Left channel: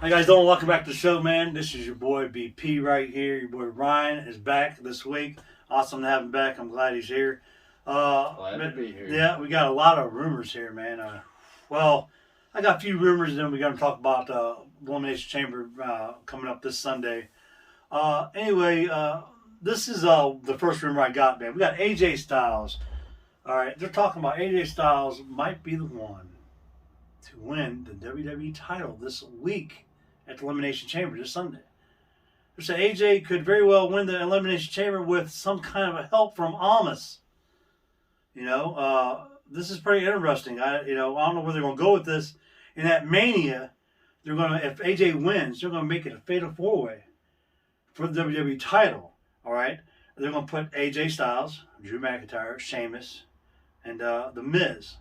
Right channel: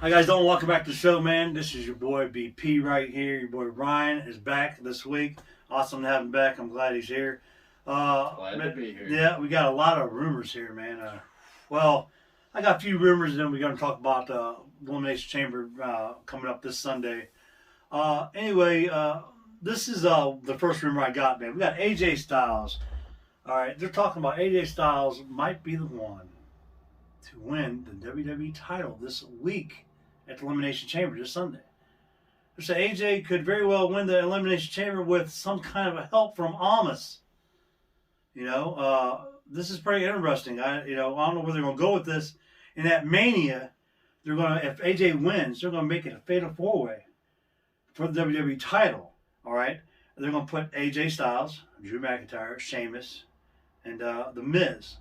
Hi guys, don't welcome back to the show, man. This is your boy BP right here. Your boy Ryan is back this week. Awesome to have him back. I'm glad he's here. Glad to be here. Yeah, we got a lot of rumors here, man. Well, I got a few rumors, and then we're going to talk about Elimination Chamber coming up this Sunday. Anyway, this is the first rumor I got, man. We got AJ Styles. All right, they're talking about AJ Styles might be the one to win the WWE title this week at the Elimination Chamber this Sunday. They say AJ could very well win the Elimination Chamber with some kind of a help from Almas. This is pretty interesting. I don't know where they're going to go with this. In that Mania, if AJ wins, they're going to make it a fatal four-way for the WWE title. All right, they're going to put AJ Styles, Drew McIntyre, Sheamus, and The Miz.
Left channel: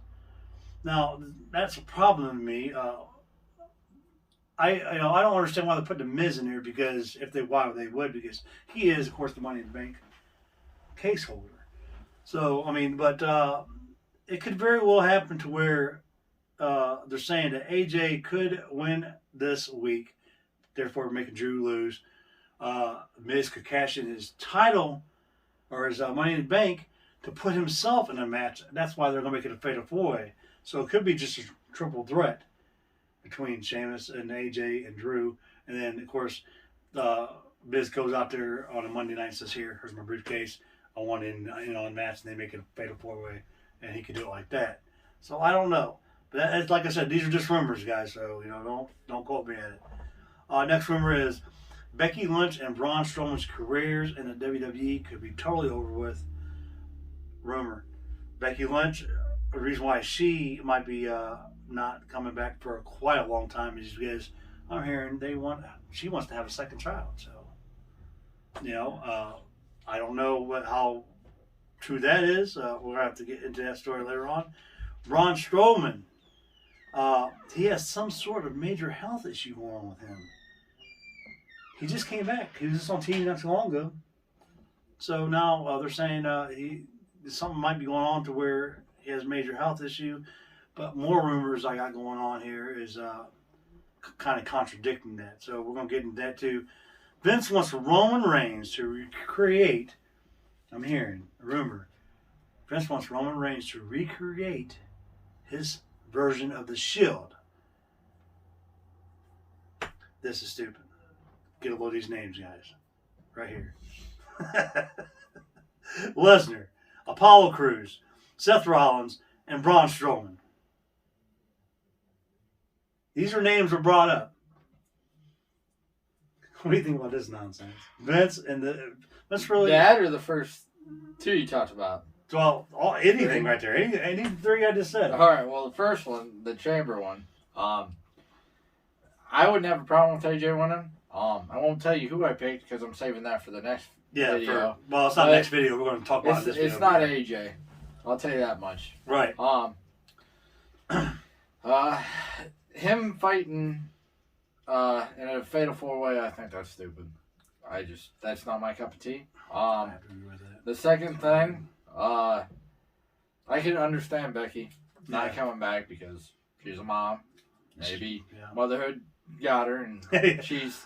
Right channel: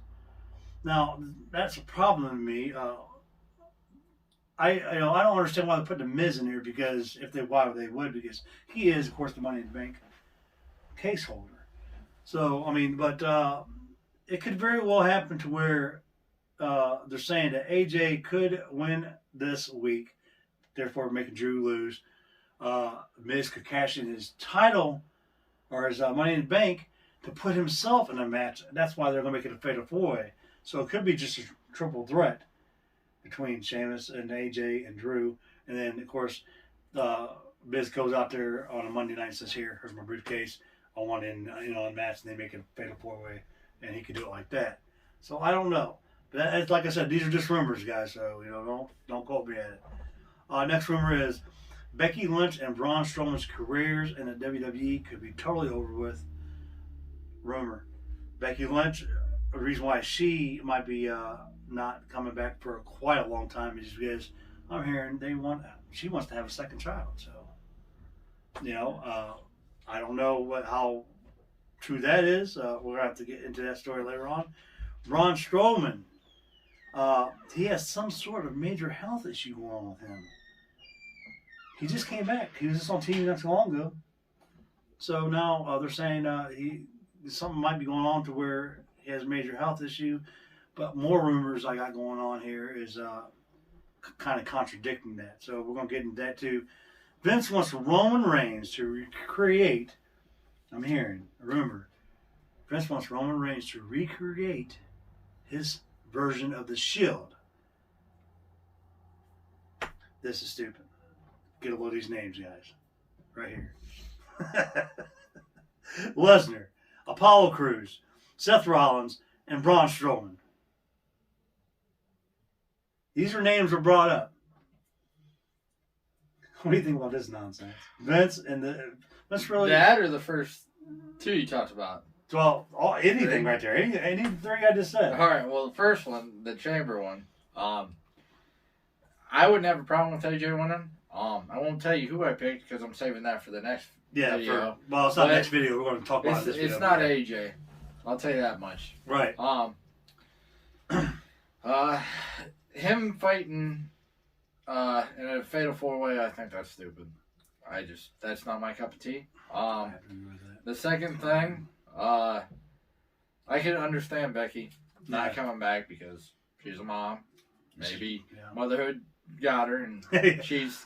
Now that's a problem to me. I don't understand why they put the Miz in there because why they would, because he is of course the Money in the Bank case holder. So but it could very well happen to where they're saying that AJ could win this week, therefore making Drew lose. Miz could cash in his title or his Money in the Bank to put himself in a match. That's why they're going to make it a fatal four-way. So it could be just a triple threat between Sheamus and AJ and Drew. And then, of course, Miz goes out there on a Monday night and says, here's my briefcase. I want in on match. And they make it a fatal four-way. And he could do it like that. So I don't know. But it's like I said, these are just rumors, guys. So, don't quote me at it. Next rumor is Becky Lynch and Braun Strowman's careers in the WWE could be totally over with. Rumor. Becky Lynch, the reason why she might be not coming back for quite a long time is because I'm hearing she wants to have a second child. So, I don't know how true that is. We're going to have to get into that story later on. Braun Strowman, he has some sort of major health issue going on with him. He just came back. He was just on TV not too long ago. So now they're saying something might be going on to where he has a major health issue. But more rumors I got going on here is kind of contradicting that. So we're going to get into that too. Vince wants Roman Reigns to recreate, I'm hearing a rumor, Vince wants Roman Reigns to recreate his version of the Shield. This is stupid. Get a load of these names, guys. Right here. Lesnar, Apollo Crews, Seth Rollins, and Braun Strowman. These are names were brought up. What do you think about this nonsense? Vince and that's really that or the first two you talked about. Well, anything right there. Any three I just said. All right. Well, the first one, the Chamber one. I wouldn't have a problem with AJ winning. I won't tell you who I picked because I'm saving that for the next video. It's not next video. We're going to talk about this video. It's not AJ. I'll tell you that much. Right. Him fighting in a fatal four-way, I think that's stupid. That's not my cup of tea. The second thing, I can understand Becky not coming back because she's a mom. Maybe motherhood got her, and she's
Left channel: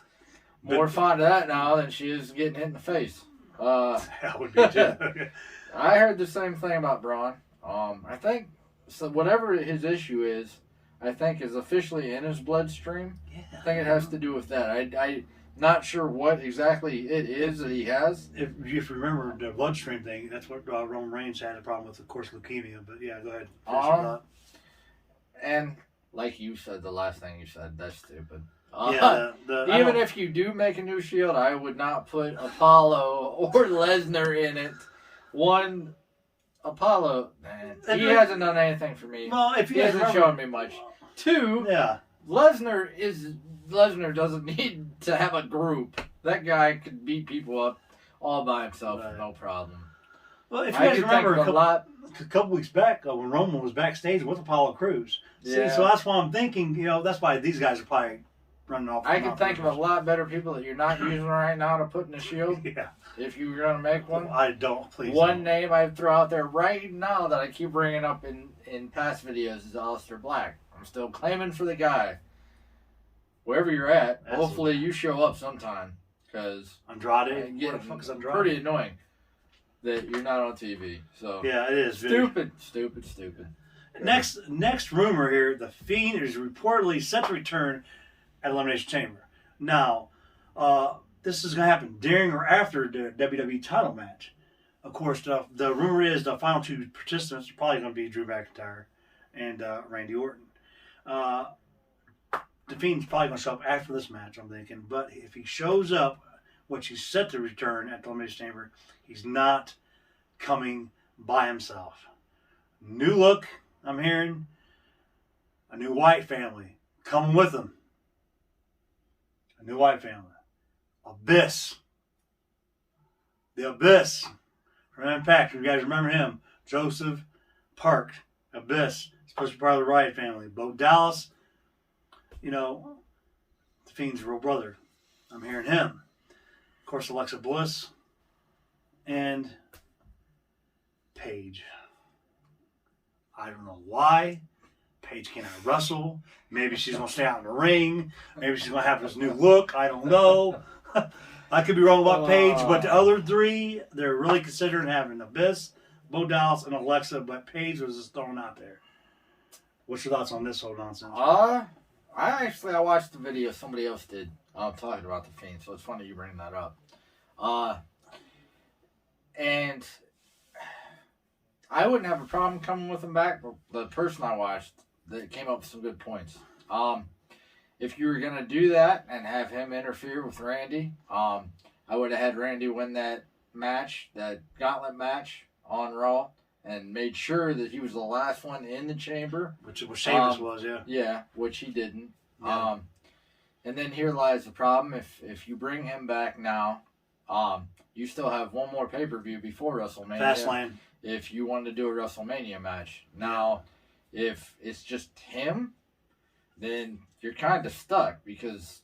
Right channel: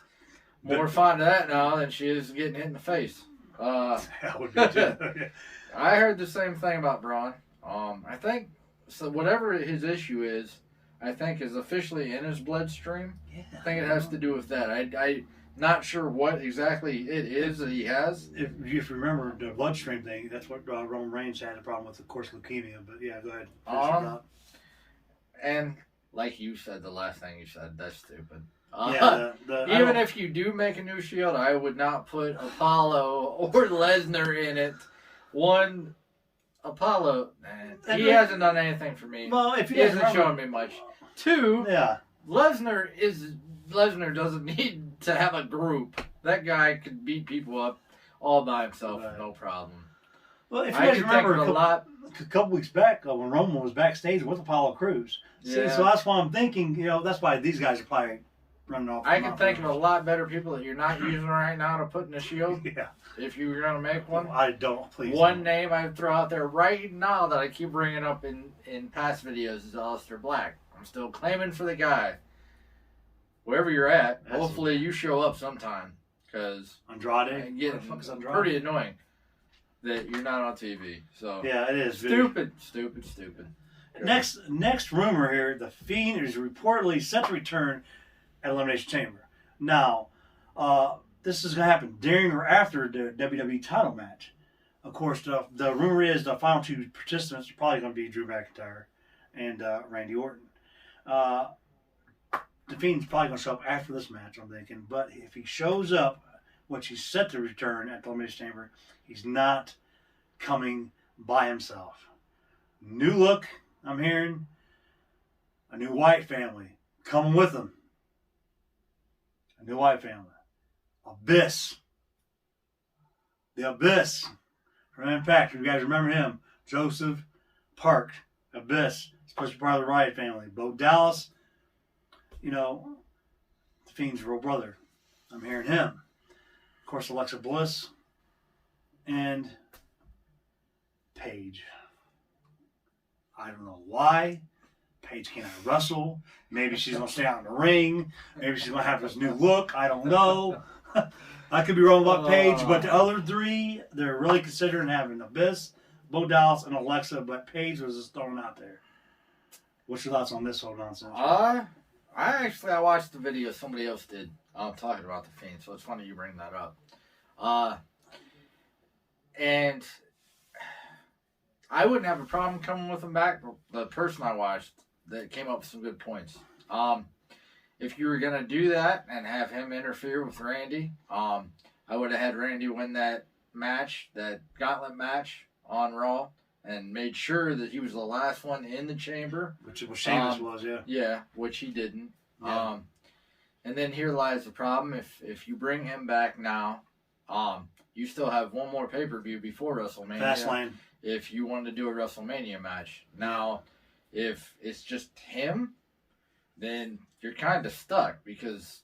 more fond of that now than she is getting hit in the face. That would be too. I heard the same thing about Braun. I think so. Whatever his issue is, I think is officially in his bloodstream. Yeah. I think it has to do with that. I'm not sure what exactly it is that he has. If you remember the bloodstream thing, that's what Roman Reigns had a problem with, of course, leukemia. But yeah, go ahead. Finish your thought. And like you said, the last thing you said, that's stupid. Even if you do make a new Shield, I would not put Apollo or Lesnar in it. One, Apollo, man, he hasn't done anything for me. Well, if he hasn't shown me much. Two, Lesnar doesn't need to have a group. That guy could beat people up all by himself, no problem. Well, if you guys remember a couple weeks back when Roman was backstage with Apollo Crews. See, so that's why I'm thinking, that's why these guys are probably running off. I can think of a lot better people that you're not using right now to put in the Shield. Yeah. If you were going to make one. I don't, please. One name I'd throw out there right now that I keep bringing up in past videos is Aleister Black. I'm still claiming for the guy. wherever you're at, Absolutely. hopefully you show up sometime. Because Andrade? What the fuck is Andrade? pretty annoying that you're not on TV. So yeah, it is. Stupid. Next rumor here, the Fiend is reportedly set to return at Elimination Chamber. Now, this is going to happen during or after the WWE title match. Of course, the rumor is the final two participants are probably going to be Drew McIntyre and Randy Orton. The Fiend's probably going to show up after this match, I'm thinking. But if he shows up, which he's set to return at the Elimination Chamber, he's not coming by himself. New look, I'm hearing. A new White family coming with him. A new White family. Abyss. The Abyss. From Impact. You guys remember him. Joseph Park. Abyss. Supposed to be part of the Riot family. Bo Dallas. The Fiend's real brother. I'm hearing him. Of course, Alexa Bliss. And Paige. I don't know why. Paige cannot wrestle. Maybe she's going to stay out in the ring. Maybe she's going to have this new look. I don't know. I could be wrong about Paige, but the other three, they're really considering having Abyss, Bo Dallas, and Alexa, but Paige was just thrown out there. What's your thoughts on this whole nonsense? I watched the video somebody else did talking about the Fiend, so it's funny you bring that up. And I wouldn't have a problem coming with him back, but the person I watched that came up with some good points. If you were going to do that and have him interfere with Randy, I would have had Randy win that match, that gauntlet match on Raw, and made sure that he was the last one in the chamber. Which was Sheamus was, yeah. Yeah, which he didn't. Yeah. And then here lies the problem. If you bring him back now, you still have one more pay-per-view before WrestleMania. Fastlane. If you wanted to do a WrestleMania match. Now, if it's just him, then you're kind of stuck, because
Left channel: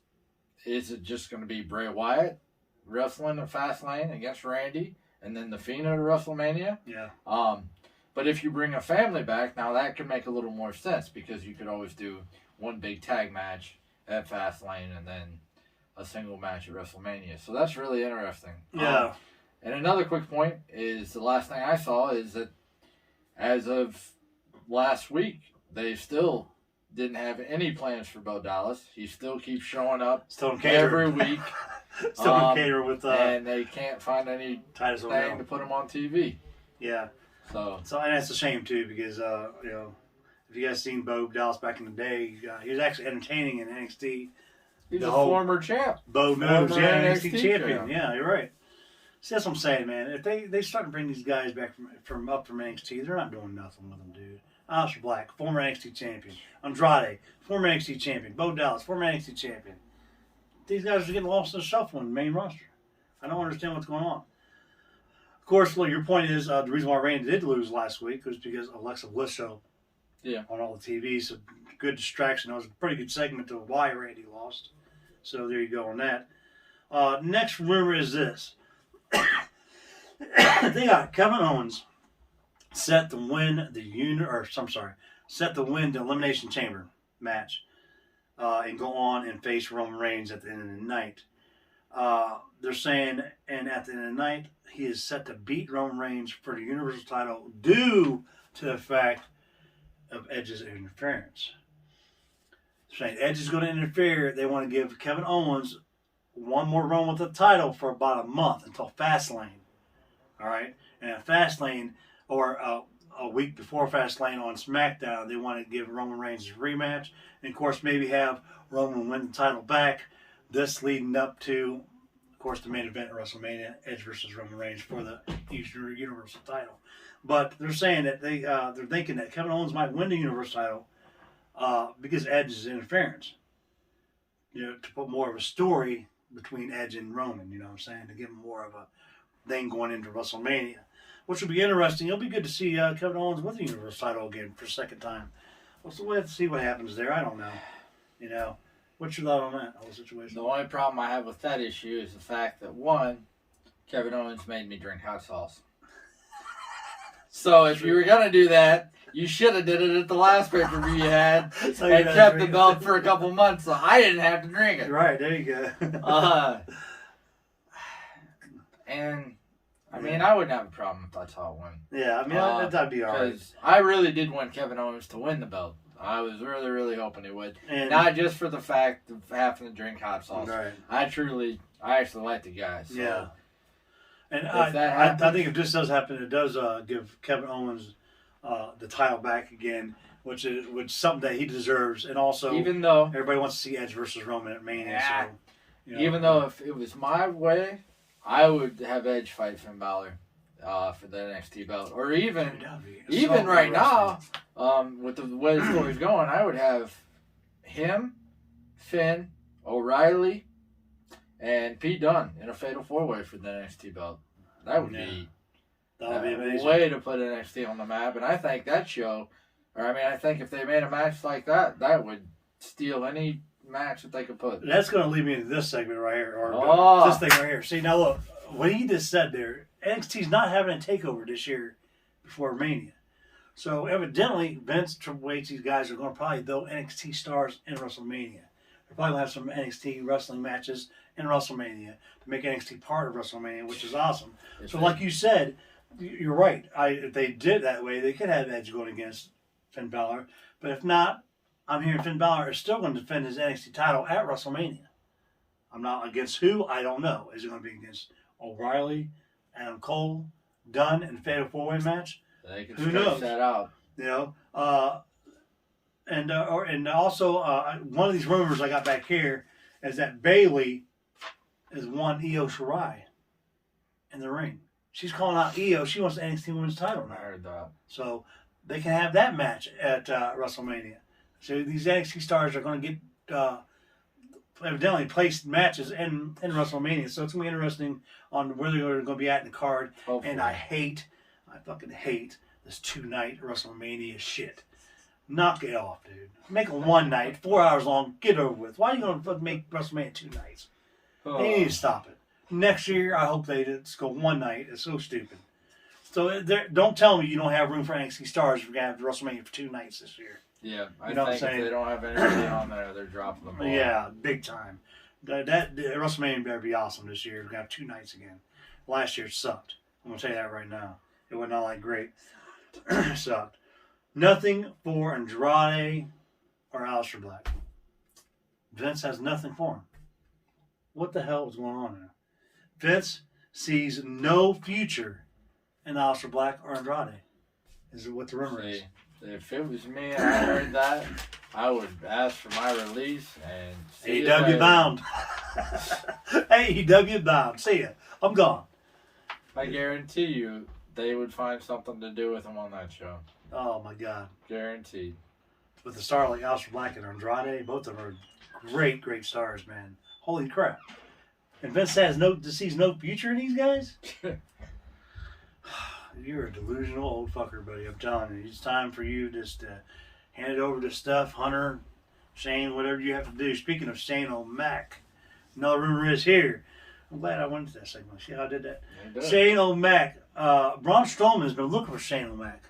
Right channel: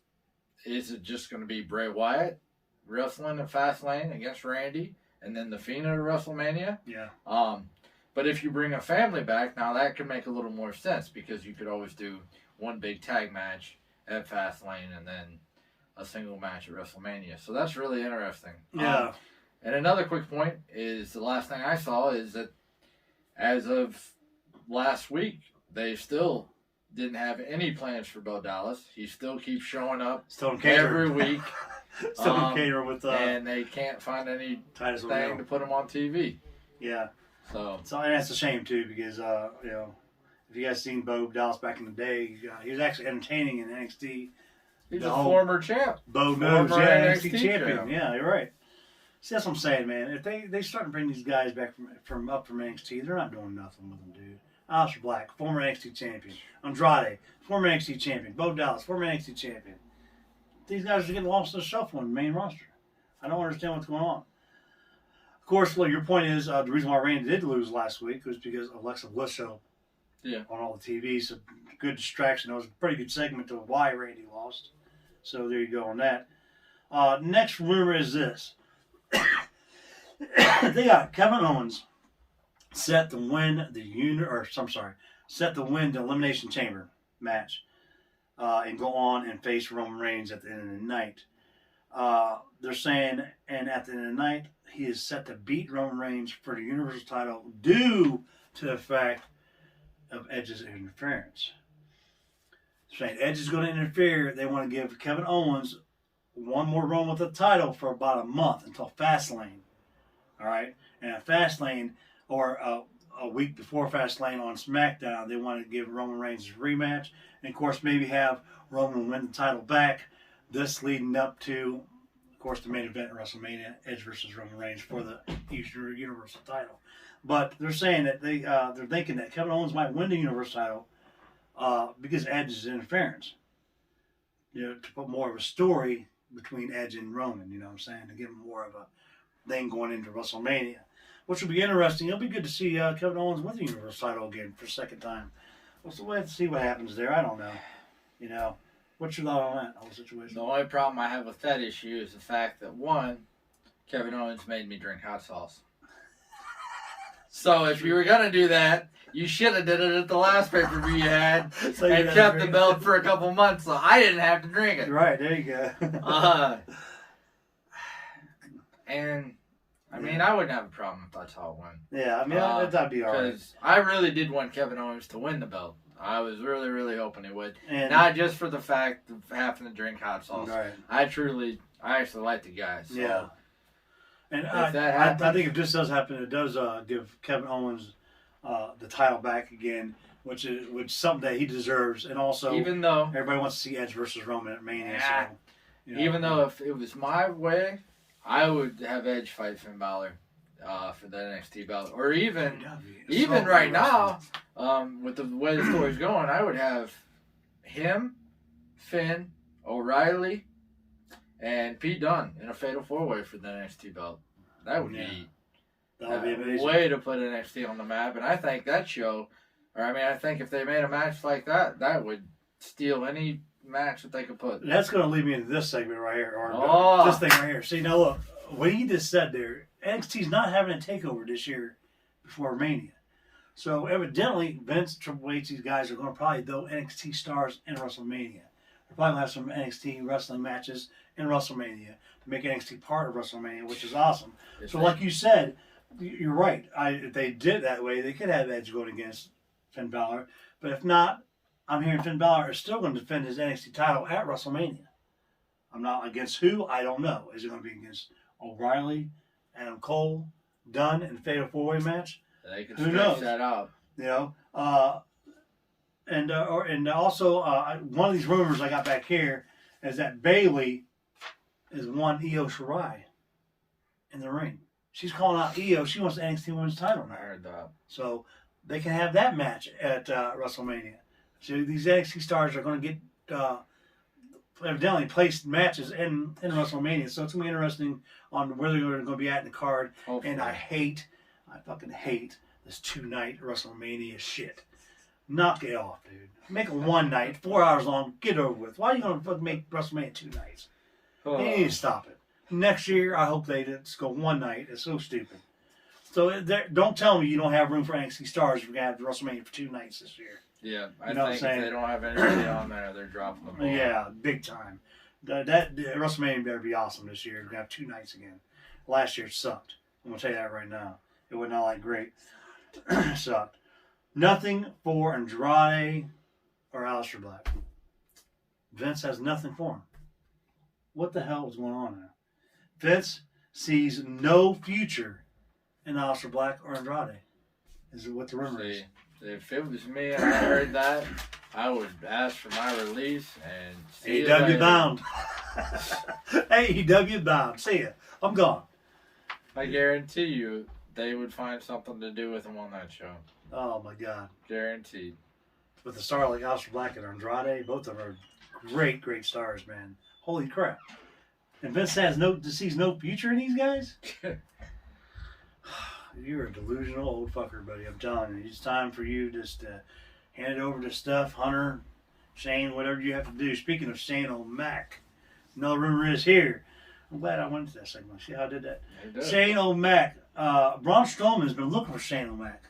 is it just going to be Bray Wyatt wrestling at Fastlane against Randy and then the Fiend at WrestleMania? Yeah. But if you bring a family back, now that could make a little more sense, because you could always do one big tag match at Fastlane and then a single match at WrestleMania. So that's really interesting. Yeah. And another quick point is the last thing I saw is that as of last week, they still didn't have any plans for Bo Dallas. He still keeps showing up every week. Still in cater with and they can't find any Titus thing O'Neil to put him on TV. Yeah. So and that's a shame too, because if you guys seen Bo Dallas back in the day, he was actually entertaining in NXT. He's a former champ. Bo knows, NXT champion. Champ. Yeah, you're right. See, that's what I'm saying, man. If they start to bring these guys back from NXT, they're not doing nothing with them, dude. Aleister Black, former NXT champion. Andrade, former NXT champion. Bo Dallas, former NXT champion. These guys are getting lost in the shuffle in the main roster. I don't understand what's going on. Of course, your point is the reason why Randy did lose last week was because Alexa Bliss showed up on all the TV. So good distraction. It was a pretty good segment to why Randy lost. So there you go on that. Next rumor is this. They got Kevin Owens set to win the Elimination Chamber match and go on and face Roman Reigns at the end of the night. They're saying, and at the end of the night, he is set to beat Roman Reigns for the Universal title due to the fact of Edge's interference. They're saying Edge is going to interfere. They want to give Kevin Owens one more run with the title for about a month until Fastlane. All right? And at Fastlane, or a week before Fastlane on SmackDown, they want to give Roman Reigns a rematch. And, of course, maybe have Roman win the title back. This leading up to, of course, the main event at WrestleMania, Edge versus Roman Reigns for the Universal title. But they're saying that they're thinking that Kevin Owens might win the Universal title because Edge's interference. To put more of a story between Edge and Roman, you know what I'm saying? To give him more of a thing going into WrestleMania, which will be interesting. It'll be good to see Kevin Owens win the Universal title again for a second time. So we'll have to see what happens there. I don't know. What's your thought on that whole situation? The only problem I have with that issue is the fact that, one, Kevin Owens made me drink hot sauce. So if you were going to do that, You should have did it at the last pay-per-view you had So and kept the belt for a couple months so I didn't have to drink it. Right, there you go. And I mean, I wouldn't have a problem if that's how it went. Yeah, I mean, that'd be all right. Because I really did want Kevin Owens to win the belt. I was really, really hoping he would. And, Not just for the fact of having to drink hot sauce. right. I actually like the guy. So. Yeah. And If I that think if this does happen, it does give Kevin Owens the title back again, which is something that he deserves. And also, even though everybody wants to see Edge versus Roman at Mania. Yeah. So, you know, even though if it was my way, I would have Edge fight Finn Balor for the NXT belt. Or even right now, with the way the story's going, I would have him, Finn, O'Reilly, and Pete Dunne in a fatal 4-way for the NXT belt. That would be amazing. A way to put NXT on the map. And I think that show, I think if they made a match like that, that would steal any match that they could put. That's going to lead me into this segment right here, or this thing right here. See, now look, what he just said there, NXT's not having a takeover this year before Mania. So evidently, Vince, Triple H, these guys are going to probably throw NXT stars in WrestleMania. They're probably going to have some NXT wrestling matches in WrestleMania to make NXT part of WrestleMania, which is awesome. So like you said, you're right. If they did it that way, they could have Edge going against Finn Balor. But if not, I'm hearing Finn Balor is still going to defend his NXT title at WrestleMania. I'm not against who, I don't know. Is it going to be against O'Reilly, Adam Cole, Dunn in a fatal 4-way match? They can Who knows? that out. You know, and also one of these rumors I got back here is that Bayley is one Io Shirai in the ring. She's calling out Io. She wants the NXT Women's title now. I heard that. So they can have that match at WrestleMania. So these NXT stars are going to get evidently placed matches in WrestleMania. So it's going to be interesting on where they're going to be at in the card. Hopefully. And I fucking hate this 2-night WrestleMania shit. Knock it off, dude. Make it one night, 4 hours long, get over with. Why are you going to make WrestleMania 2 nights? You need to stop it. Next year, I hope they just go one night. It's so stupid. So don't tell me you don't have room for NXT stars if we're going to have WrestleMania for 2 nights this year. Yeah, You know what I'm think saying? if they don't have anybody on there, they're dropping the ball. Yeah, big time. That WrestleMania better be awesome this year. We're going to have 2 nights again. Last year sucked. I'm going to tell you that right now. It was not like great. Sucked. Nothing for Andrade or Aleister Black. Vince has nothing for him. What the hell is going on there? Vince sees no future in Aleister Black or Andrade. Is what the rumor is. If it was me and I heard that, I would ask for my release and see AEW bound. AEW bound. See ya. I'm gone. I guarantee you they would find something to do with him on that show. Oh my God. Guaranteed. With a star like Aleister Black and Andrade, both of them are great, great stars, man. Holy crap. And Vince sees no future in these guys? You're a delusional old fucker, buddy. I'm telling you. It's time for you just to hand it over to Steph, Hunter, Shane, whatever you have to do. Speaking of Shane O'Mac, another rumor is here. I'm glad I went into that segment. See how I did that? Shane O'Mac. Braun Strowman's been looking for Shane O'Mac.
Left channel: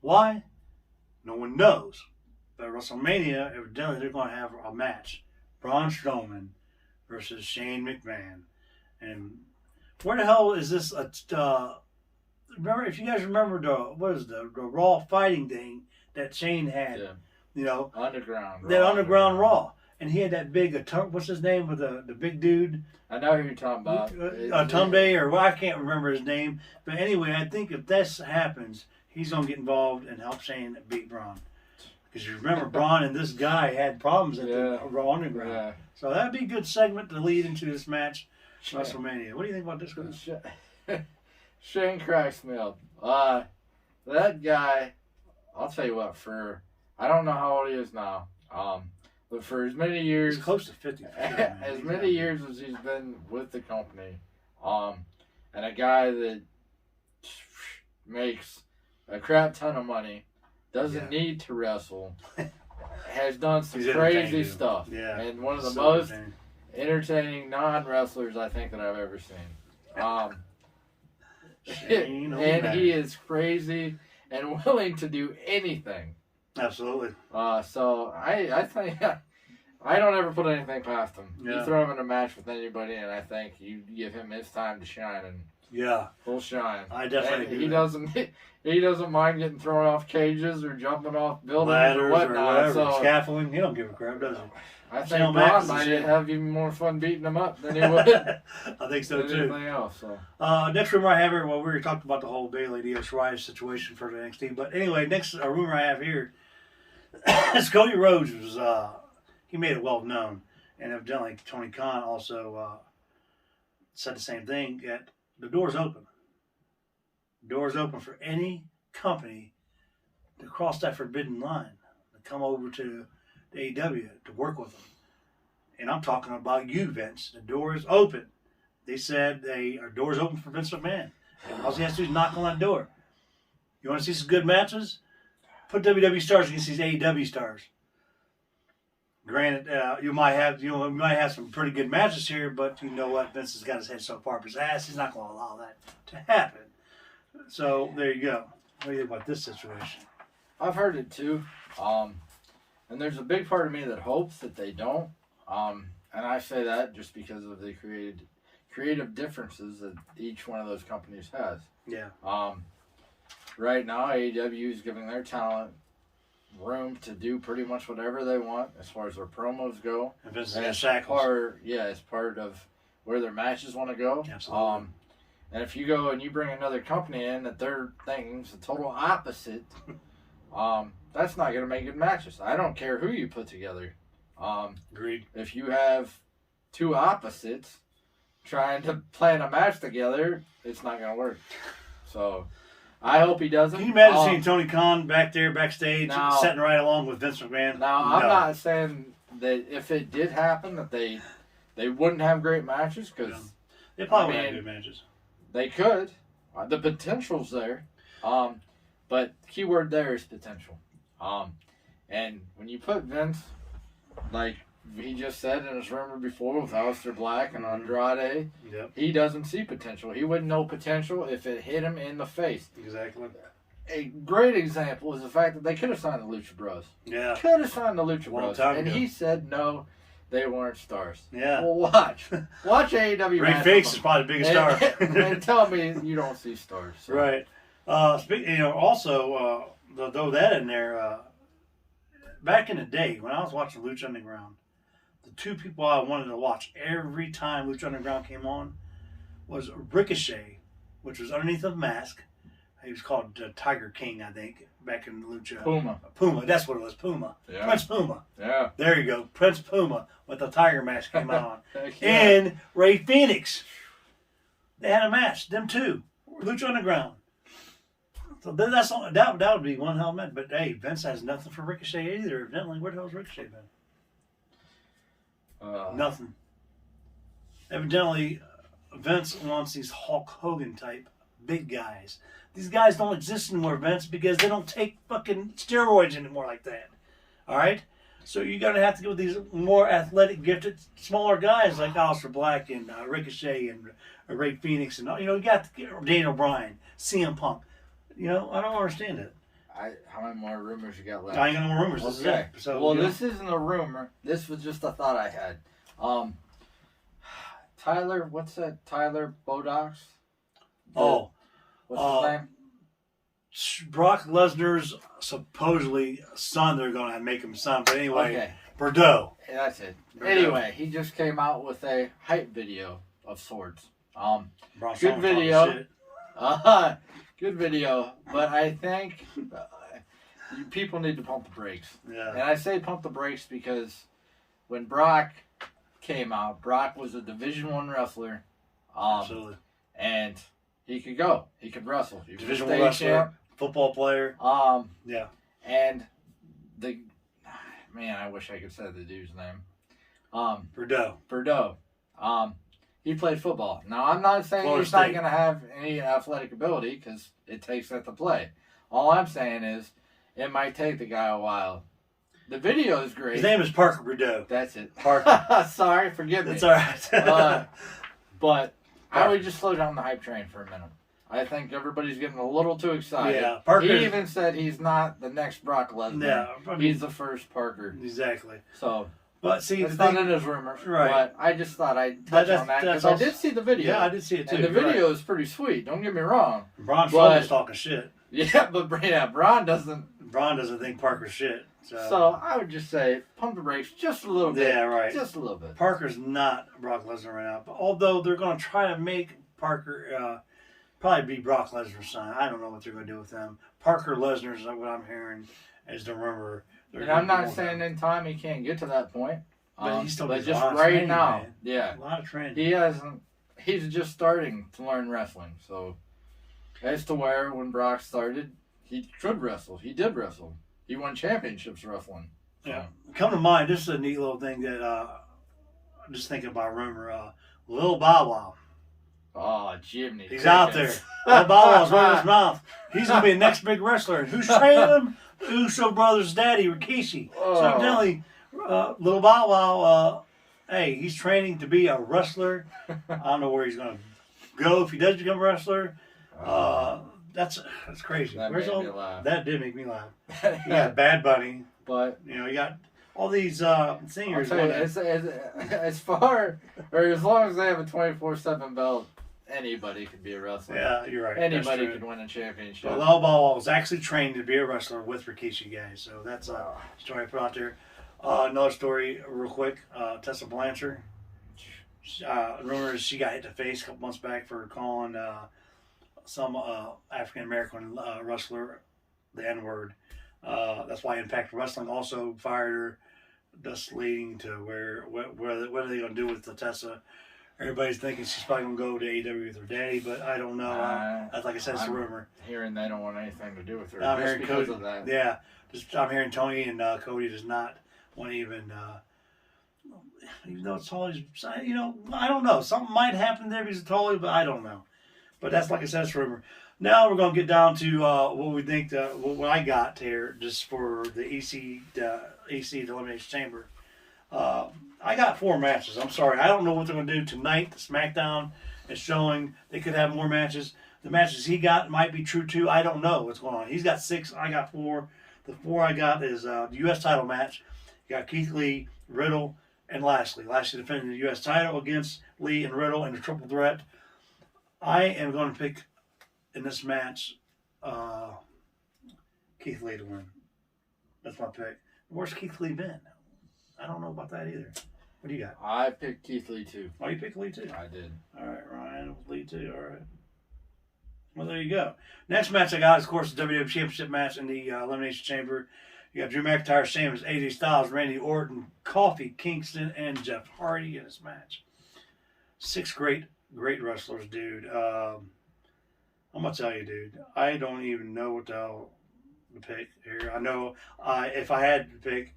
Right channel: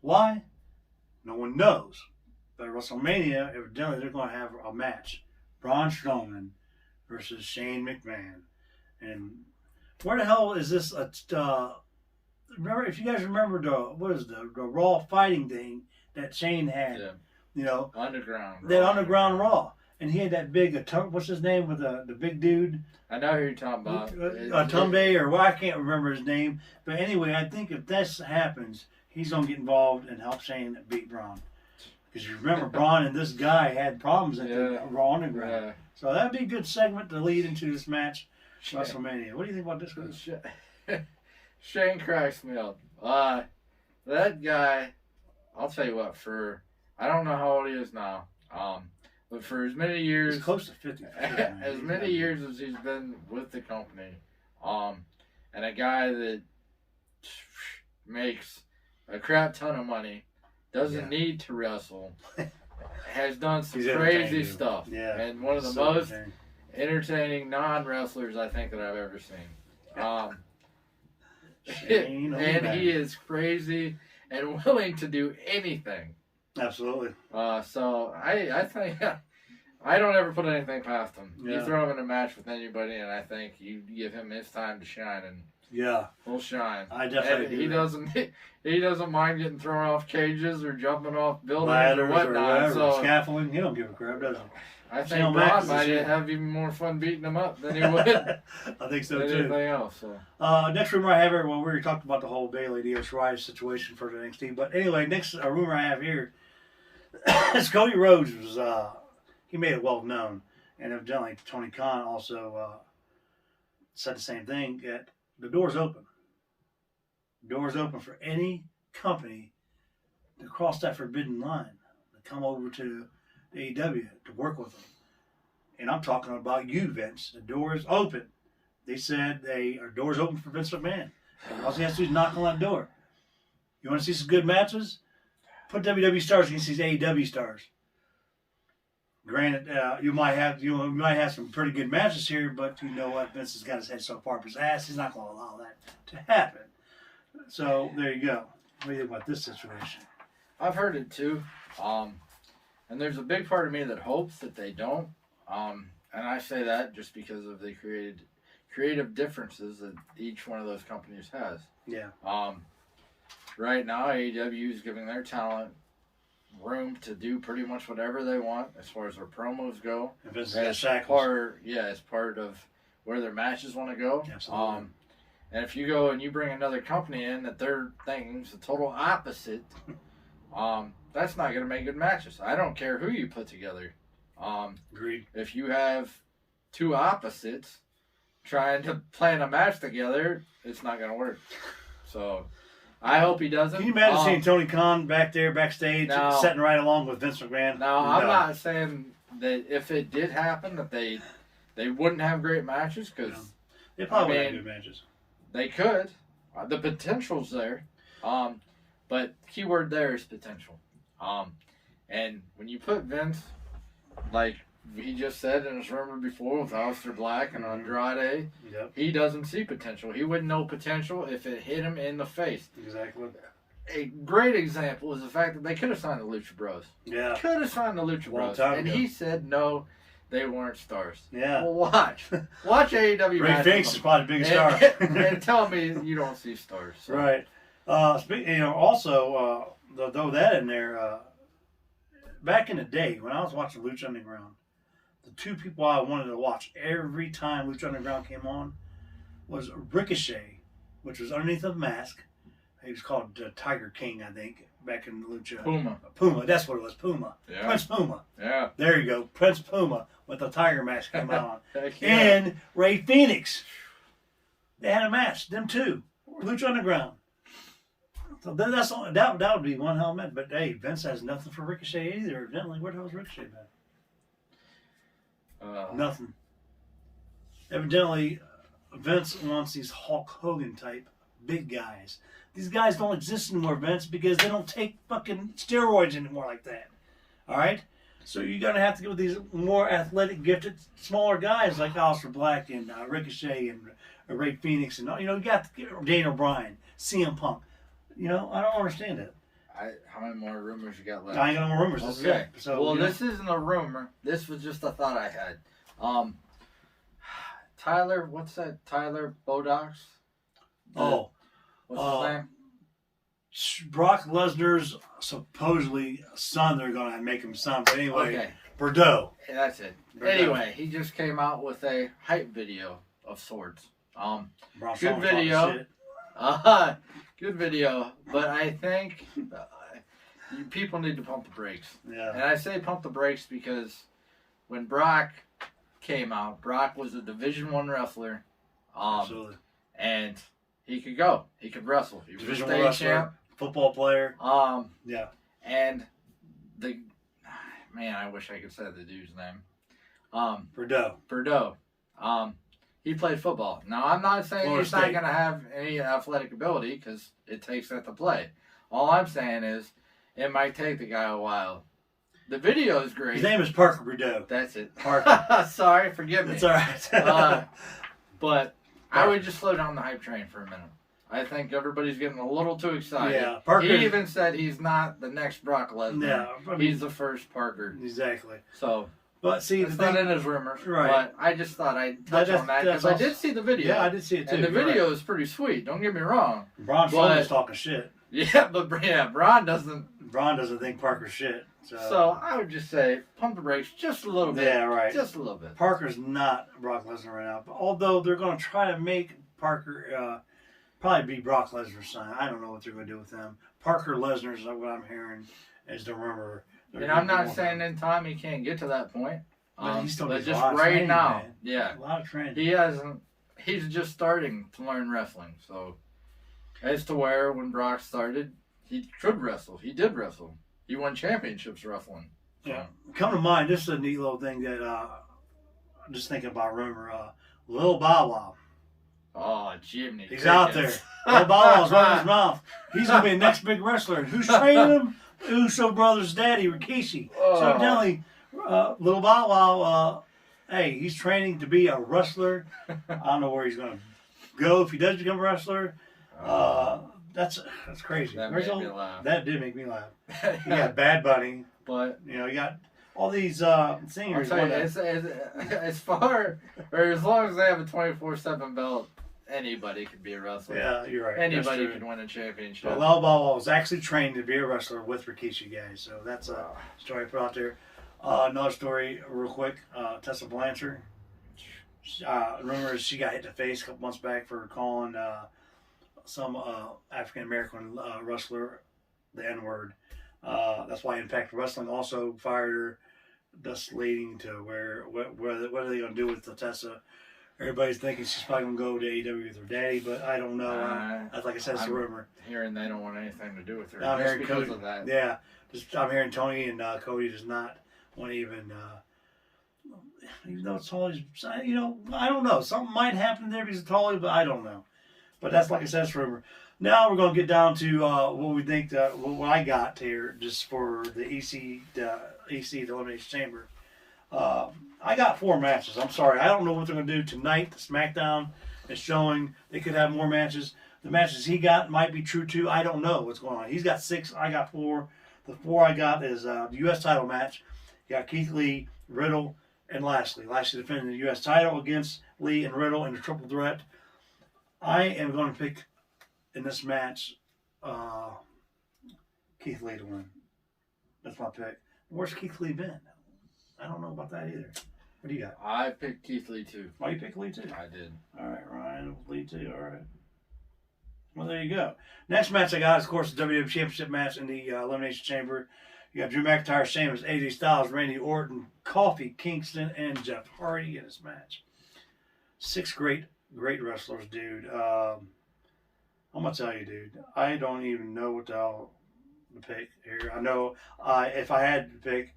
Why? No one knows. But at WrestleMania, evidently they're going to have a match. Braun Strowman versus Shane McMahon. And where the hell is this? Remember, if you guys remember the Raw fighting thing that Shane had, you know, Underground Raw, and he had that big what's his name with the big dude? I know who you're talking about. Tunde, or I can't remember his name, but anyway, I think if this happens, he's gonna get involved and help Shane beat Braun. Because you remember, Braun and this guy had problems at the Raw Underground, so that'd be a good segment to lead into this match, WrestleMania. What do you think about this guy? Shane cracks me up. That guy, I'll tell you what, I don't know how old he is now, but for as many years, he's close to 50. As many years as he's been with the company, and a guy that makes a crap ton of money, doesn't need to wrestle, has done some crazy stuff, and one of the most entertaining non-wrestlers I think that I've ever seen. And he is crazy, and willing to do anything. Absolutely. So I think I don't ever put anything past him. Yeah. You throw him in a match with anybody, and I think you give him his time to shine, and Yeah. he'll shine. I definitely And do. he doesn't mind getting thrown off cages or jumping off buildings Ladders or or whatnot. whatever, so scaffolding. He don't give a crap, does he? I Shane think Mack Braun is the might same. have even more fun beating him up than he would I think so than too. anything else. So Next rumor I have here, well, we already talked about the whole Bayley Io Shirai situation for the NXT, but anyway, next rumor I have here is Cody Rhodes was he made it well known, and evidently Tony Khan also said the same thing. That the door's open. Doors open for any company to cross that forbidden line, to come over to AEW to work with them. And I'm talking about you, Vince. The door is open. They said our doors open for Vince McMahon. And all he has to do is knock on that door. You want to see some good matches? Put WWE stars against these AEW stars. Granted, you might have some pretty good matches here, but you know what? Vince has got his head so far up his ass, he's not going to allow that to happen. So there you go. What do you think about this situation? I've heard it too, and there's a big part of me that hopes that they don't. And I say that just because of the creative differences that each one of those companies has. Yeah. Right now, AEW is giving their talent room to do pretty much whatever they want as far as their promos go. If it's As part of where their matches want to go. Absolutely. And if you go and you bring another company in that their thing's the total opposite, that's not going to make good matches. I don't care who you put together. Agreed. If you have two opposites trying to plan a match together, it's not going to work. So I hope he doesn't. Can you imagine seeing Tony Khan back there backstage, sitting right along with Vince McMahon? Now, I'm not saying that if it did happen that they wouldn't have great matches, because they probably would have good matches. They could. The potential's there. But keyword there is potential. And when you put Vince, like he just said in his rumor before with Aleister Black and Andrade, he doesn't see potential. He wouldn't know potential if it hit him in the face. Exactly. A great example is the fact that they could have signed the Lucha Bros. Yeah. Could have signed the Lucha Bros. And he said no. They weren't stars. Yeah. Well, watch AEW. Ray Fix is probably the biggest star. And tell me you don't see stars. So. Right. Also, throw that in there. Back in the day when I was watching Lucha Underground, the two people I wanted to watch every time Lucha Underground came on was Ricochet, which was underneath a mask. He was called Tiger King, I think, back in Lucha. Puma, that's what it was, Puma. Yeah. Prince Puma. Yeah. There you go, Prince Puma with the tiger mask came on. And Ray Phoenix. They had a match, them two, Lucha Underground. So that's all, that would be one hell of a match. But hey, Vince has nothing for Ricochet either, evidently. Where the hell's Ricochet been? Nothing. Evidently, Vince wants these Hulk Hogan type big guys. These guys don't exist anymore, Vince, because they don't take fucking steroids anymore like that. All right? So you're going to have to go with these more athletic, gifted, smaller guys like Aleister Black and Ricochet and Ray Phoenix. And you got Daniel Bryan, CM Punk. I don't understand it. How many more rumors you got left? I ain't got no more rumors. Okay. So, this isn't a rumor. This was just a thought I had. Tyler, what's that? Tyler Bodox? What's his name? Brock Lesnar's supposedly son. They're going to make him son. But anyway, okay. Bordeaux. Yeah, that's it. Bordeaux. Anyway, he just came out with a hype video of sorts. Braun Good Strowman video. Good video. But I think people need to pump the brakes. Yeah. And I say pump the brakes because when Brock came out, Brock was a Division I wrestler. Absolutely. And he could go. He could wrestle. He was Division a I wrestler, champ. football player. Yeah. And I wish I could say the dude's name. Bordeaux. He played football. Now, I'm not saying Florida he's not State. going to have any athletic ability because it takes that to play. All I'm saying is it might take the guy a while. The video is great. His name is Parker Bordeaux. That's it. Parker. Sorry, forgive me. That's all right. But I would just slow down the hype train for a minute. I think everybody's getting a little too excited. Yeah, Parker. He even said he's not the next Brock Lesnar. Yeah, I mean, he's the first Parker. Exactly. So, but see, it's not in his rumors. Right. But I just thought I'd touch on that because I did see the video. Yeah, I did see it too. And the video is pretty sweet. Don't get me wrong. Braun Strowman's talking shit. Yeah, but Braun doesn't. Braun doesn't think Parker's shit. So I would just say pump the brakes just a little bit. Yeah, right. Just a little bit. Parker's not Brock Lesnar right now. But although they're going to try to make Parker probably be Brock Lesnar's son. I don't know what they're going to do with them. Parker Lesnar is what I'm hearing is the rumor. And I'm not saying in time he can't get to that point. But he still but needs a just lot of right training, now, man. yeah. A lot of training. He hasn't. He's just starting to learn wrestling. So, as to where when Brock started, he could wrestle. He did wrestle. He won championships wrestling. So. Yeah. Come to mind, this is a neat little thing that I'm just thinking about rumor. Lil Bow Wow. Oh, Jiminy. He's out there. Lil Bow Wow's running his mouth. He's going to be the next big wrestler. And who's training him? Uso Brothers' daddy, Rikishi. Oh. So I'm telling you, Lil Bow Wow, hey, he's training to be a wrestler. I don't know where he's going to go if he does become a wrestler. That's crazy. That made me laugh. That did make me laugh. You got Bad Bunny. But you got all these singers. I'll tell you, as far or as long as they have a 24/7 belt, anybody can be a wrestler. Yeah, you're right. Anybody can win a championship. Well, Lil Bow Wow was actually trained to be a wrestler with Rikishi, guys. So that's a story I put out there. Another story, real quick. Tessa Blanchard. Rumor is she got hit in the face a couple months back for calling some African American wrestler the N-word. That's why Impact Wrestling also fired her, thus leading to what are they going to do with the Tessa? Everybody's thinking she's probably going to go to AEW with her daddy, but I don't know. Like I said, it's a rumor. Hearing they don't want anything to do with her. I'm hearing because Cody, of that. Yeah, I'm hearing Tony and Cody does not want to even though it's Tully's, I don't know. Something might happen there because of Tully, but I don't know. But that's, like I said, it's rumor. Now we're going to get down to what we think, what I got here, just for the EC, the Elimination Chamber. I got 4 matches. I'm sorry. I don't know what they're going to do tonight. SmackDown is showing they could have more matches. The matches he got might be true, too. I don't know what's going on. He's got 6. I got 4. The 4 I got is the U.S. title match. You got Keith Lee, Riddle, and Lashley. Lashley defending the U.S. title against Lee and Riddle in a triple threat. I am going to pick in this match Keith Lee to win. That's my pick. Where's Keith Lee been? I don't know about that either. What do you got? I picked Keith Lee too. Oh, you picked Lee too? I did. All right, Ryan, Lee too. All right. Well, there you go. Next match I got is, of course, the WWE Championship match in the Elimination Chamber. You got Drew McIntyre, Sheamus, AJ Styles, Randy Orton, Kofi Kingston, and Jeff Hardy in this match. 6 great wrestlers, dude. I'm going to tell you, dude, I don't even know what the hell to pick here. I know if I had to pick,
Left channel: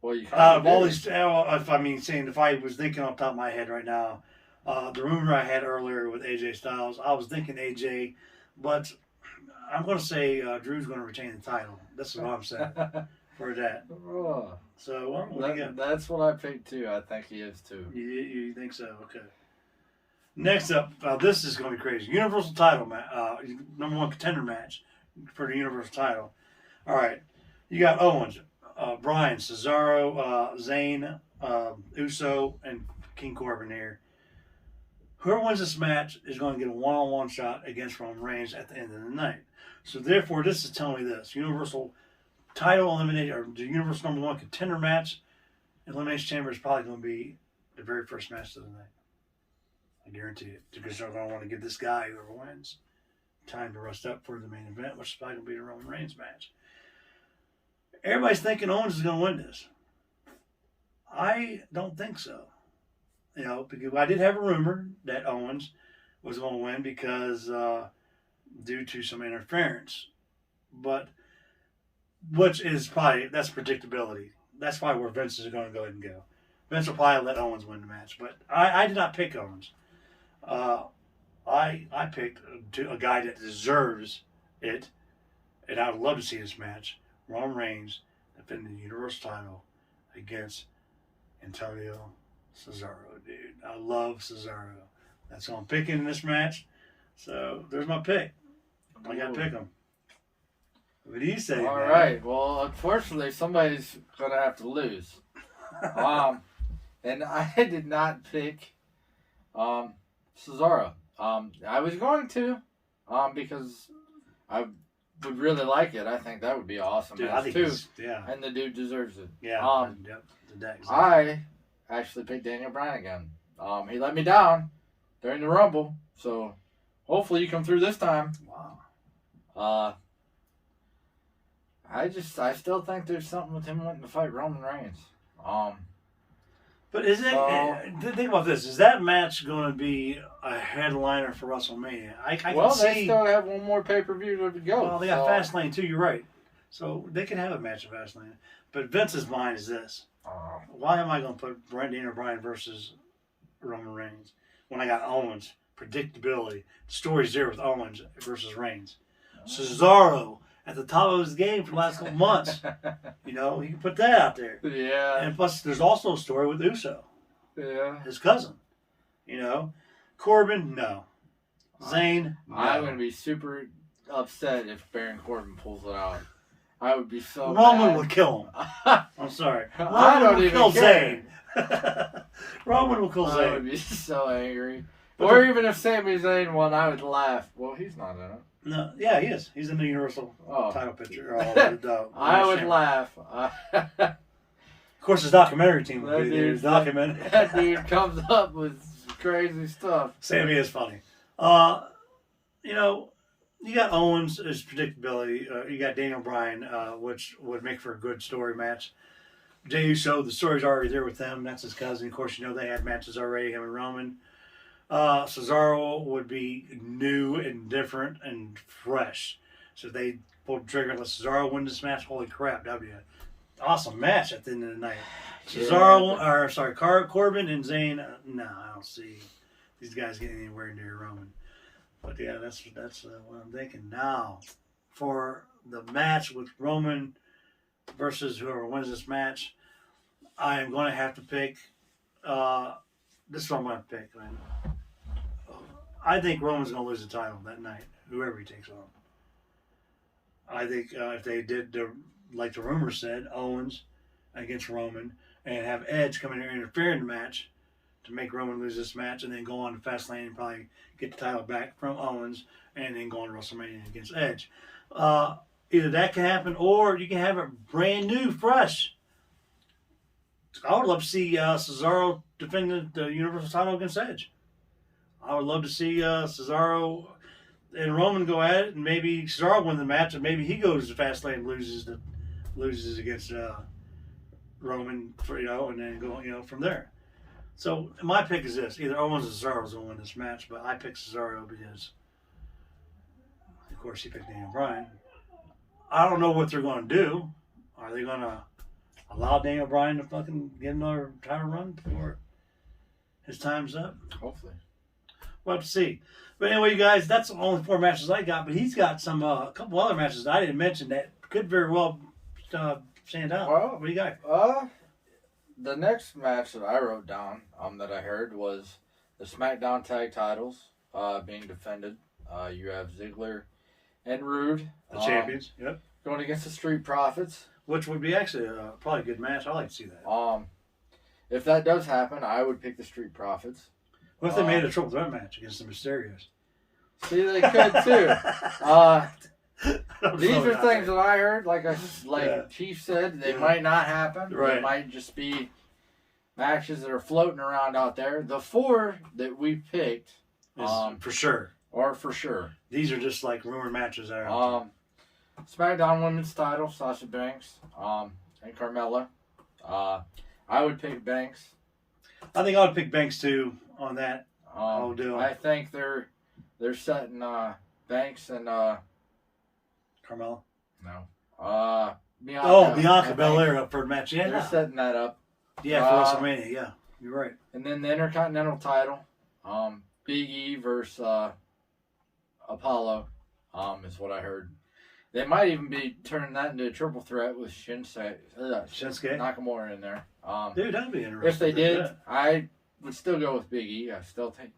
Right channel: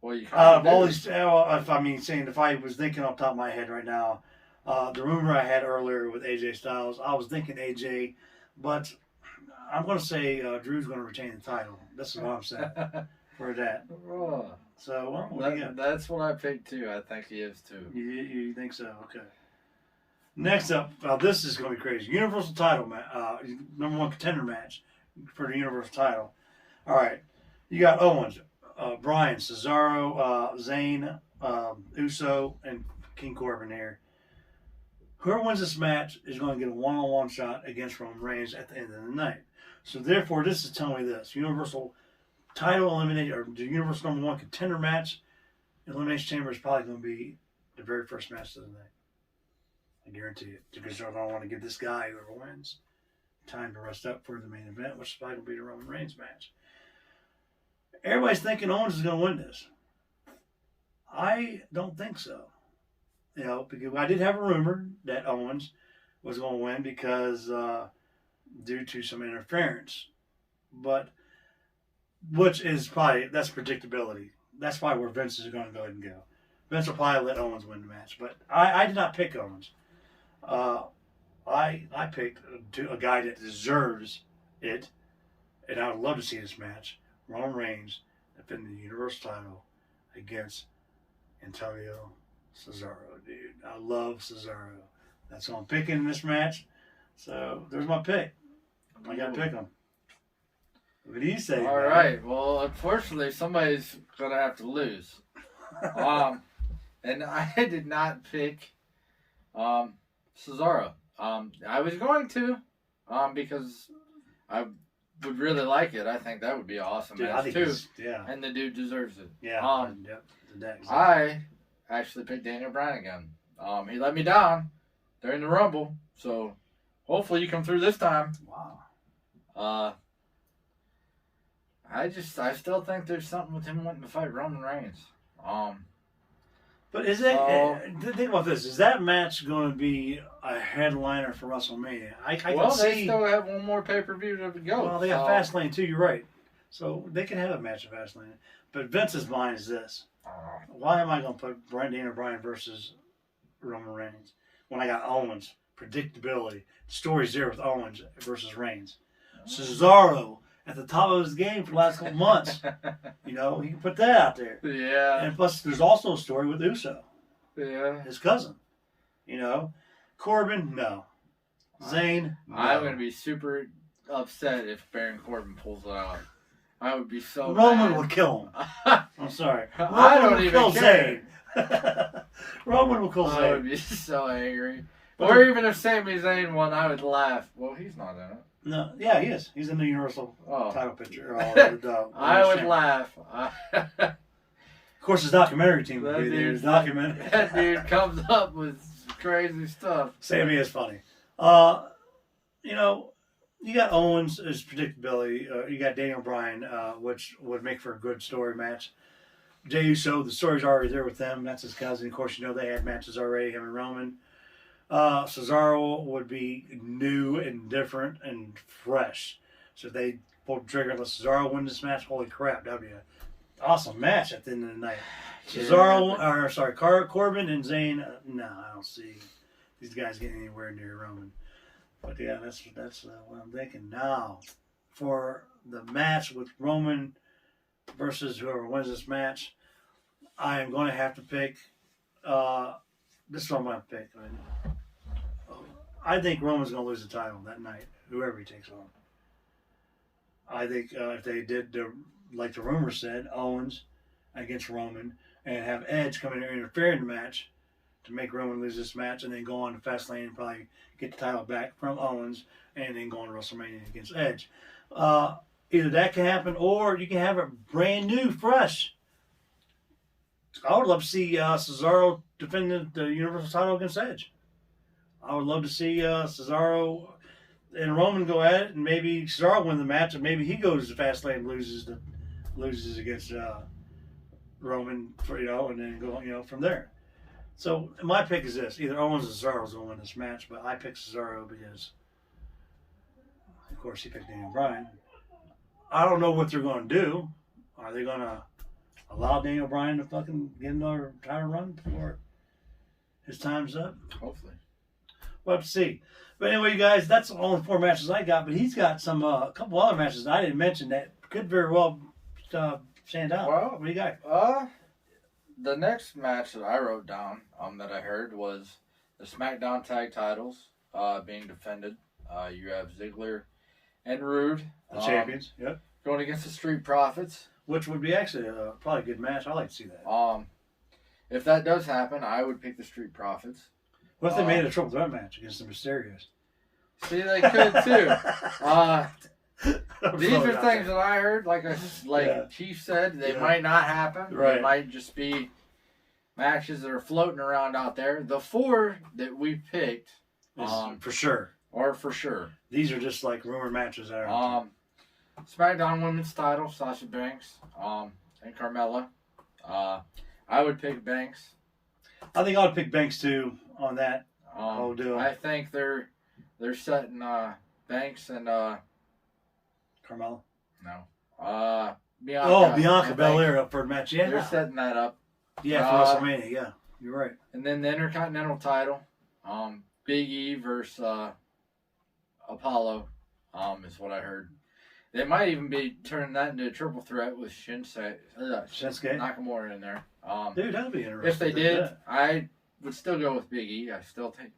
well, you all these, if I was thinking off the top of my head right now, the rumor I had earlier with AJ Styles, I was thinking AJ, but I'm going to say Drew's going to retain the title. This is what I'm saying for that. Oh. So, that's what I picked too. I think he is too. You think so? Okay. Next up, this is going to be crazy. Universal title match, number 1 contender match for the Universal title. All right. You got Owens, Bryan, Cesaro, Zayn, Uso, and King Corbin here. Whoever wins this match is going to get a one-on-one shot against Roman Reigns at the end of the night. So therefore, this is telling me this. Universal title eliminated, or the Universal number 1 contender match, Elimination Chamber is probably going to be the very first match of the night. I guarantee it. Because they're going to want to give this guy, whoever wins, time to rest up for the main event, which is probably going to be the Roman Reigns match. Everybody's thinking Owens is going to win this. I don't think so. Because I did have a rumor that Owens was going to win because due to some interference. But, which is probably, that's predictability. That's probably where Vince is going to go ahead and go. Vince will probably let Owens win the match. But I did not pick Owens. I picked a guy that deserves it, and I would love to see this match. Roman Reigns defending the Universal title against Antonio Cesaro, dude. I love Cesaro. That's who I'm picking in this match. So there's my pick. I got to pick them. What do you say? All man? right. Well, unfortunately, somebody's gonna have to lose. And I did not pick Cesaro. I was going to, because I would really like it. I think that would be an awesome Dude, I match think too. yeah. And the dude deserves it. Yeah. Yep. Exactly. I actually picked Daniel Bryan again. He let me down during the Rumble, so hopefully you come through this time. Wow. I still think there's something with him wanting to fight Roman Reigns. But is it? Think about this. Is that match going to be a headliner for WrestleMania? I can see. They still have one more pay-per-view to go. Well, they got Fastlane too. You're right. So they can have a match at Fastlane. But Vince's mind is this: why am I going to put Daniel Bryan versus Roman Reigns when I got Owens? Predictability. The story's there with Owens versus Reigns. Cesaro at the top of his game for the last couple months. You know, you can put that out there. Yeah. And plus, there's also a story with Uso. Yeah. His cousin. You know, Corbin, no. Zayn, no. I'm going to be super upset if Baron Corbin pulls it out. I would be so Roman mad. would kill him. I'm sorry. I don't even care. Zayn. Roman will kill I Zayn. would be so angry. But Or even if Sami Zayn won, I would laugh. Well, he's not in it. No, yeah, he is. He's in the Universal title picture. I would laugh. Of course, his documentary team would That be there. dude- Document. That dude comes up with crazy stuff. Sammy is funny. You know, you got Owens as predictability. You got Daniel Bryan, which would make for a good story match. Jey Uso, the story's already there with them. That's his cousin. Of course, you know they had matches already, him and Roman. Cesaro would be new and different and fresh. So if they pulled the trigger and let Cesaro win this match, holy crap, that'd be an awesome match at the end of the night. Corbin and Zayn, no, I don't see these guys getting anywhere near Roman. But yeah, that's what I'm thinking. Now, for the match with Roman versus whoever wins this match, I am going to have to pick, this is what I'm going to pick, man. I think Roman's going to lose the title that night, whoever he takes on. I think if they did, like the rumor said, Owens against Roman, and have Edge come in and interfere in the match to make Roman lose this match, and then go on to Fastlane and probably get the title back from Owens, and then go on to WrestleMania against Edge. Either that can happen, or you can have it brand new, fresh. I would love to see Cesaro defend the Universal title against Edge. I would love to see Cesaro and Roman go at it, and maybe Cesaro win the match, and maybe he goes to Fastlane and loses against Roman, and then go from there. So my pick is this: either Owens or Cesaro's going to win this match, but I picked Cesaro because, of course, he picked Daniel Bryan. I don't know what they're going to do. Are they going to allow Daniel Bryan to fucking get another title run before his time's up? Hopefully. We'll have to see. But anyway, you guys, that's the only 4 matches I got. But he's got some a couple other matches I didn't mention that could very well stand out. Well, what do you got? The next match that I wrote down, that I heard, was the SmackDown Tag Titles being defended. You have Ziggler and Rude, The champions. Yep. going against the Street Profits. Which would be actually probably a good match. I'd like to see that. If that does happen, I would pick the Street Profits. What if they made a triple threat match against the Mysterios? See, they could too. These are things that I heard. Chief said, they might not happen. Right. They might just be matches that are floating around out there. The 4 that we picked, for sure, are for sure. These are just like rumor matches. SmackDown Women's Title, Sasha Banks, and Carmella. I would pick Banks. I think I would pick Banks too on that. I think they're setting Banks and Carmella. No. Bianca. Bianca Belair up for a match. Yeah, they're setting that up. Yeah, for WrestleMania. Yeah, you're right. And then the Intercontinental title, Big E versus Apollo, is what I heard. They might even be turning that into a triple threat with Shinsuke Nakamura in there. Dude, that'd be interesting. If they did, I would still go with Big E. I still think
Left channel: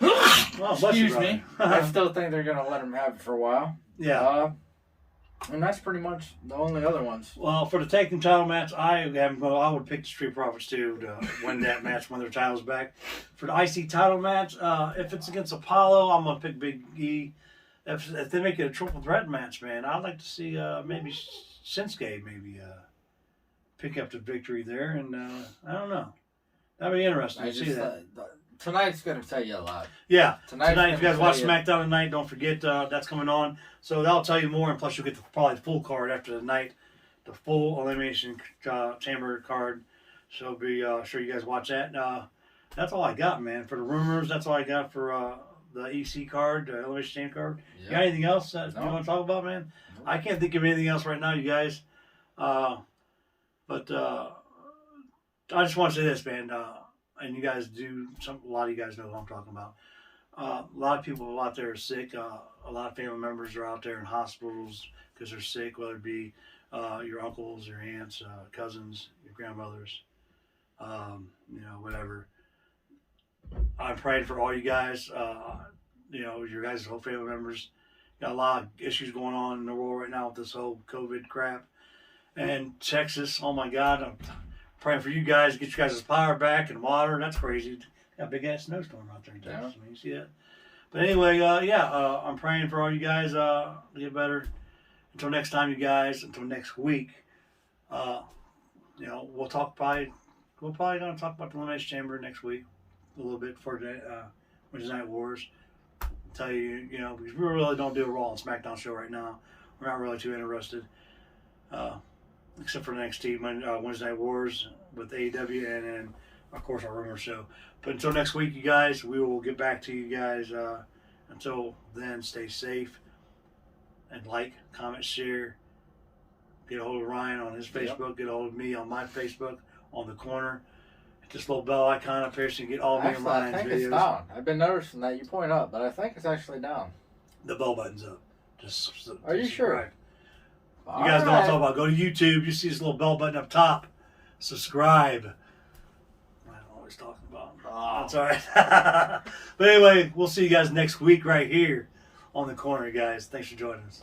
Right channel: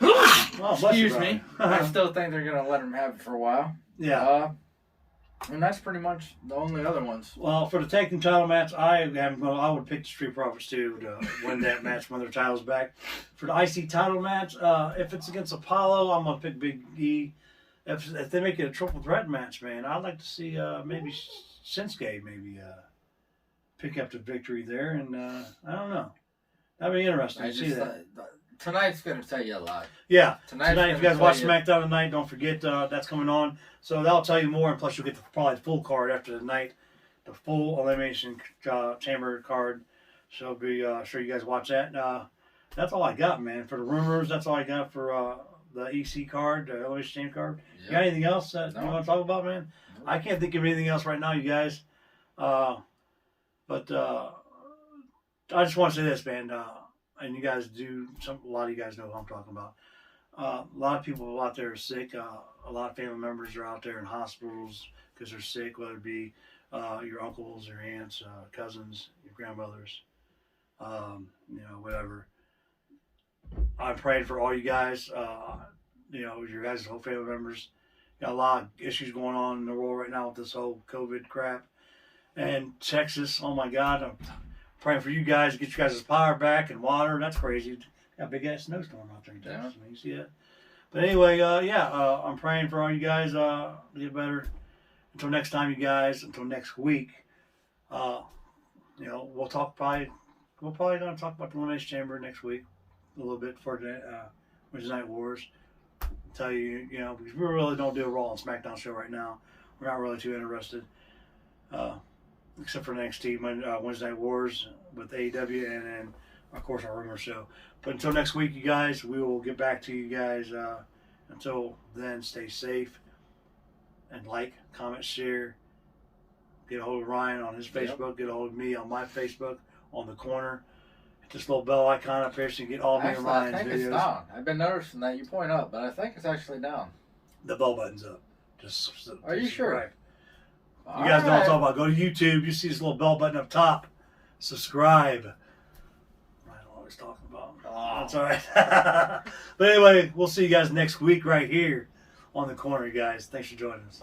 Well, bless you, Excuse me. brother. I still think they're gonna let him have it for a while. Yeah. And that's pretty much the only other ones. Well, for the tag team title match, I would pick the Street Profits too to win that match when their title's back. For the IC title match, if it's against Apollo, I'm gonna pick Big E. If they make it a triple threat match, man, I'd like to see maybe Shinsuke pick up the victory there, and I don't know. That'd be interesting to see that. Tonight's gonna tell you a lot. Yeah, Tonight's tonight, if you gonna guys watch tell you- SmackDown tonight, don't forget that's coming on. So that'll tell you more, and plus you'll get probably the full card after the night, the full Elimination Chamber card. So be sure you guys watch that. That's all I got, man. For the rumors, that's all I got for the EC card, the Elimination Chamber card. Yeah. You got anything else that No. you want to talk about, man? No. I can't think of anything else right now, you guys. But I just want to say this, man. And you guys a lot of you guys know what I'm talking about. A lot of people out there are sick. A lot of family members are out there in hospitals because they're sick, whether it be your uncles, your aunts, cousins, your grandmothers, whatever. I'm praying for all you guys, your guys' whole family members. Got a lot of issues going on in the world right now with this whole COVID crap. And Texas, oh my God, I'm praying for you guys to get you guys' power back and water. That's crazy. Got a big ass snowstorm out there in Texas. I mean, you see that? But anyway, I'm praying for all you guys to get better. Until next time, you guys. Until next week. We'll probably gonna talk about the Elimination Chamber next week a little bit for the Wednesday Night Wars. Tell you, because we really don't do a Raw and SmackDown show right now. We're not really too interested. Except for NXT Wednesday Night Wars with AEW, and then of course our rumor show. But until next week, you guys, we will get back to you guys. Until then, stay safe and like, comment, share. Get a hold of Ryan on his Facebook. Get a hold of me on my Facebook on the corner. Hit this little bell icon up here so you can get all me and Actually, I Ryan's think videos. it's down. I've been noticing that you point up, but I think it's actually down. The bell button's up. Just Are you sure? subscribe. You guys know what I'm talking about. Go to YouTube. You see this little bell button up top. Subscribe. I don't know what he's talking about. That's all right. But anyway, we'll see you guys next week right here on the corner, guys. Thanks for joining us.